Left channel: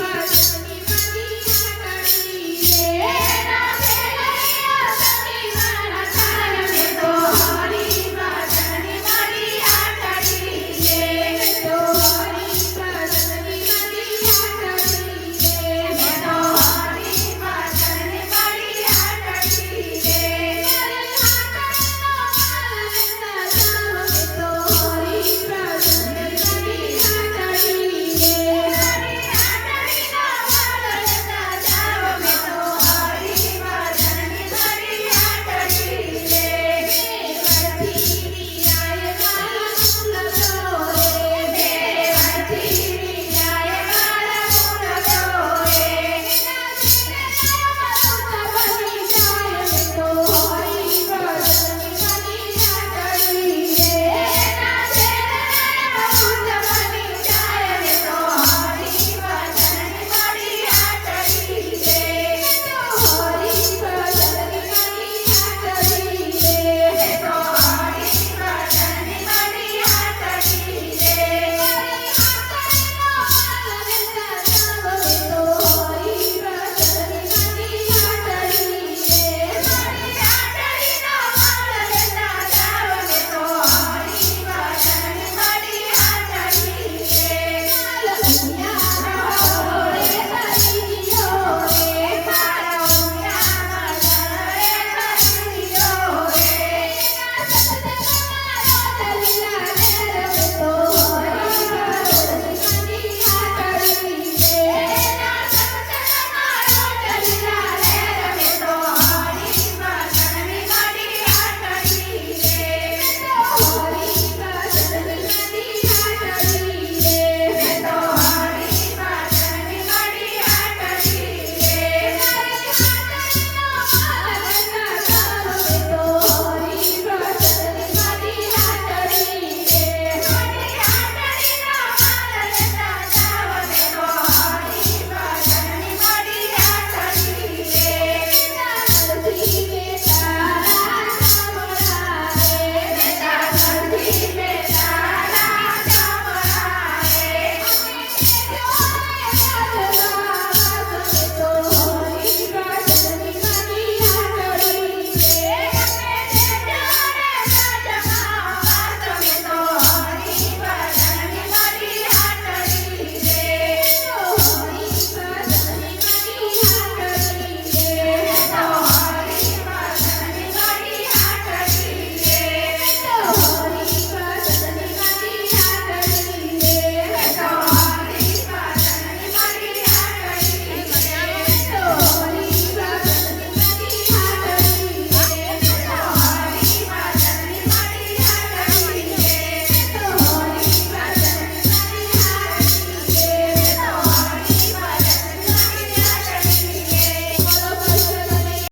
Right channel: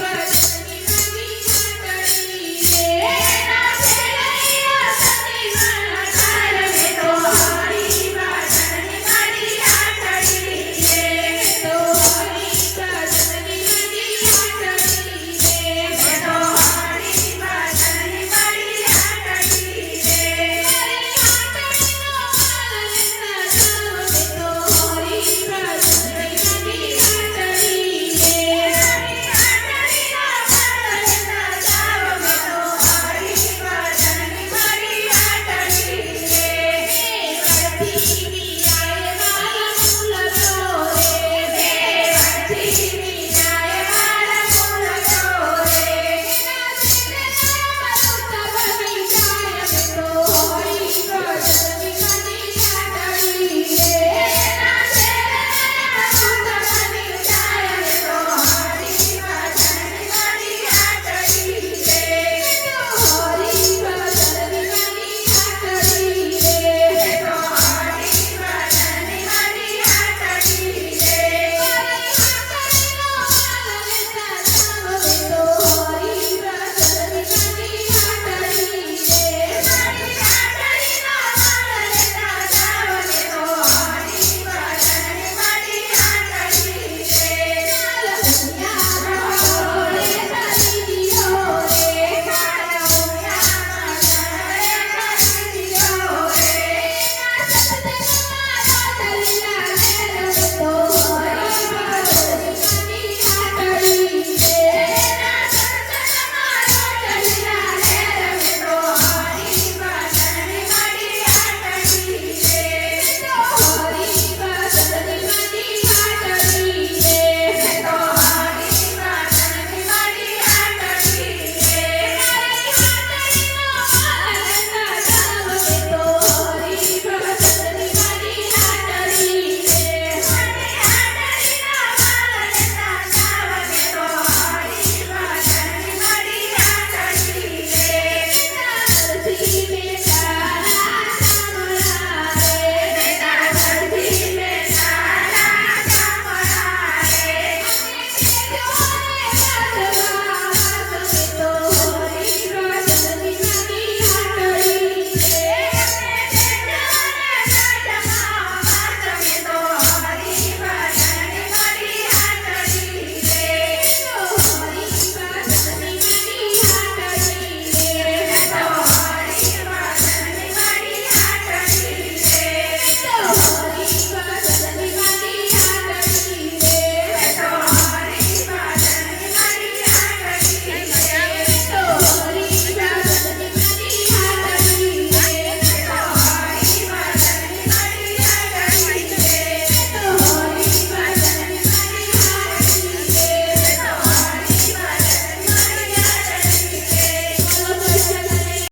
Yes. Thank you.